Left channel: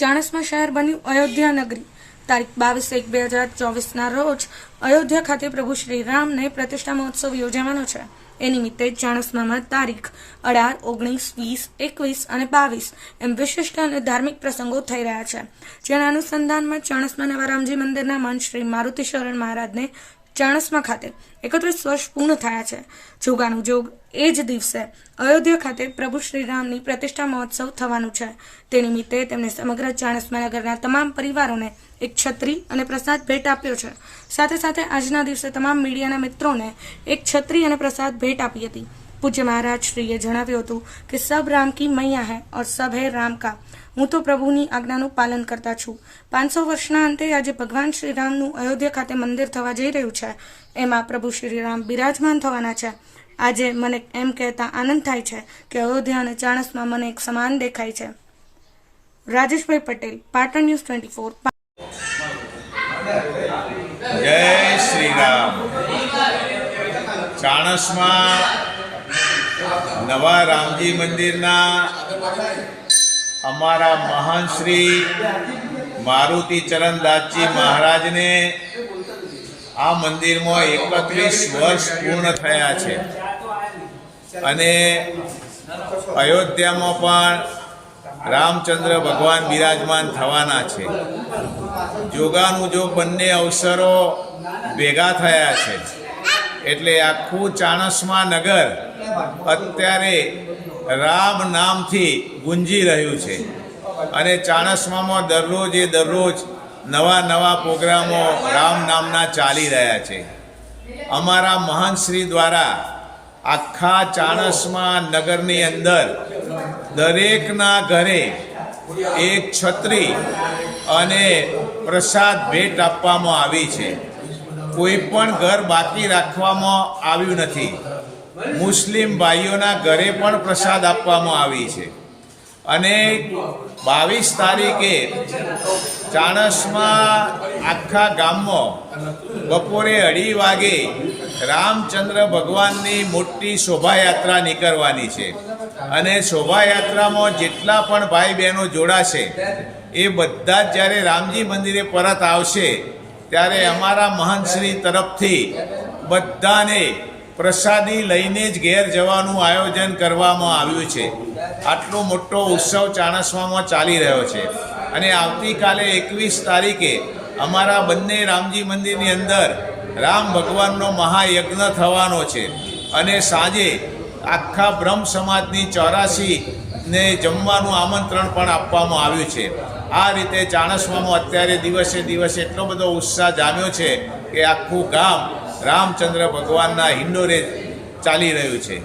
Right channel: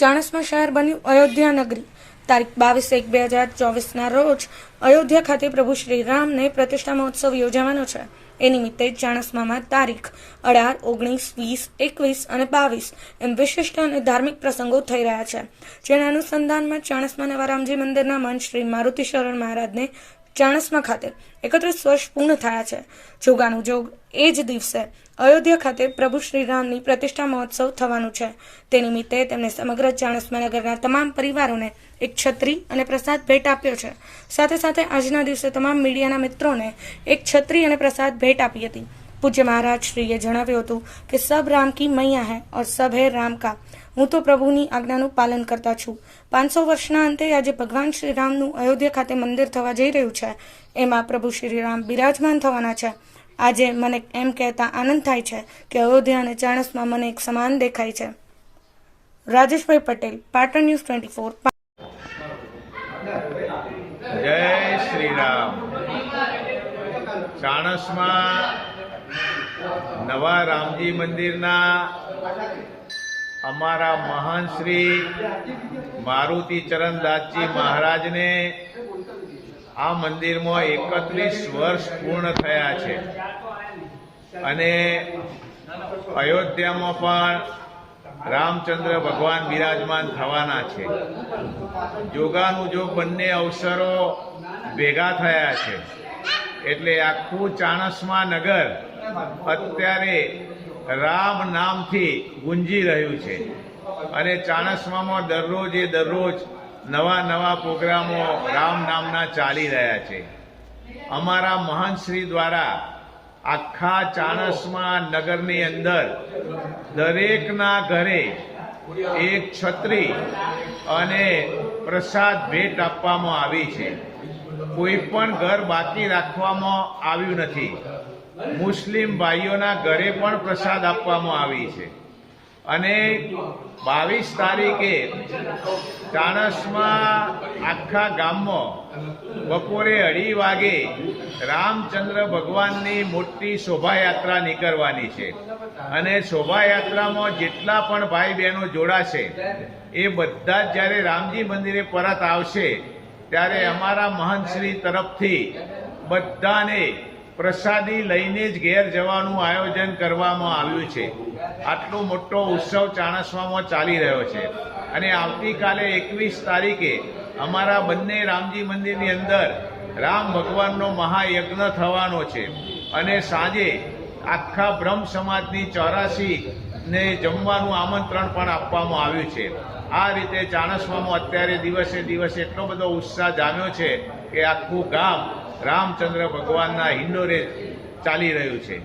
ચાણસ્મા શહેર બન્યું અયોધ્યા નગરી. તારીખ બાવીસ એક બે હજાર ચોવીસના રોજ અયોધ્યા ખાતે પ્રભુ શ્રી રામને પ્રતિષ્ઠા મહોત્સવ યોજાવાનો છે. એ નિમિત્તે ચાણસ્મામાં તારીખ અઢાર, ઓગણીસ, વીસ, એકવીસ અને બાવીસ એમ વિશિષ્ટ અને ધાર્મિક પ્રસંગો થઈ રહ્યા છે. જેના અનુસંધાનમાં ચાણસ્મા નવા રામજી મંદિરના મંચ શ્રી મારુતિ શરણ મહારાજને ચાણસ્મા ખાતે એકત્રીસ વર્ષ પૂર્ણ થયા છે. જોગાનું જોગ એ જ દિવસે અયોધ્યા ખાતે પ્રભુ શ્રી રામની પ્રતિષ્ઠા મહોત્સવ થવાનું છે. તે નિમિત્તે તેમણે સમગ્ર ચાણસ્મા નગરના તમામ પરિવારોને એક છત્રી અને પ્રસાદ ભેટ આપ્યો છે. સાથે સાથે આજના દિવસે તમામ મીડિયાના મિત્રોને એક છત્રી અને પ્રસાદ ભેટ આપી હતી. પૂજ્ય મહારાજ શ્રીએ જણાવ્યું હતું કે સબ રામ કી મૈયા હૈ ઓર સબ હૈ રામ કા. હું તો પ્રભુની આજ્ઞાનું પાલન કરતા છું. પાંચસો વર્ષના અંતે આજે ભગવાન શ્રી રામનું અયોધ્યા ખાતે મંદિર થવા જઈ રહ્યું છે. એમાં પ્રભુ શ્રી રામ બિરાજમાન થવાના છે. આજે મને એમ કહેતા આનંદ થાય છે કે અયોધ્યા અને ચાણસમાં મને એક સમાન દેખાય છે. Rajeshbhai Patel, Patan news twenty four જય શ્રી રામ. ચાણસમાં નવા રામજી મંદિરના અમારા મહાન શ્રી મારુતિ ચરણદાસજી મહારાજને આ મંદિરમાં એકત્રીસ વર્ષ પૂર્ણ થયા છે. અને અયોધ્યામાં પણ રામચંદ્ર ભગવાન બિરાજમાન થવાના છે. જોગાનું જો બંને અવસરો ભેગા થયા છે. એટલે આખું ચાણસમા નગર અત્યારે રામ નામથી ગુંજી રહ્યું છે. અને ચાણસ્મામાં દરરોજ એ દરરોજ નવા નવા પ્રોગ્રામો રામ નામના ચાલી રહ્યા છે. અમારા મહાન શ્રી દ્વારા આખા ચાણસમા નગરની અંદર દરેકના ઘરે એક છત્રી અને પ્રસાદ ભેટ આપવામાં આવી છે. કોઈ પણ ઘર બાકી રાખવામાં આવ્યું નથી. મુસ્લિમ ભાઈઓના ઘરે પણ પ્રસાદ આપવામાં આવી છે. અને બાવીસ તારીખે ચાણસમાં આખા ગામમાં બપોરે અઢી વાગે રામચંદ્ર ભગવાનની મોટી શોભાયાત્રા નીકળવાની છે. અને શોભાયાત્રામાં જેટલા પણ ભાઈ બહેનો જોડાશે, એ બધા જ જ્યારે રામજી મંદિરે પરત આવશે, ત્યારે અમારા મહંતશ્રી તરફથી બધાને પ્રસાદી લઈને જ ઘેર જવાનું આયોજન કરવામાં આવ્યું છે. આટલો મોટો ઉત્સવ ચાણસવામાં ચાલી રહ્યો છે. અને આવતીકાલે એકવીસ તારીખે અમારા બંને રામજી મંદિરની અંદર રામ ભગવાનનો મહાયજ્ઞ થવાનો છે. અને સાંજે આખા બ્રહ્મ સમાજની ચોરાસી ને જમવાનું આમંત્રણ પણ આપવામાં આવ્યું છે. આ રીતે ચાણસમામાં અત્યારે દિવસે દિવસે એટલો બધો ઉત્સાહ જામ્યો છે કે આખું ગામ રામચંદ્ર ભગવાનના હિન્ડોરે ચાલી રહ્યું છે.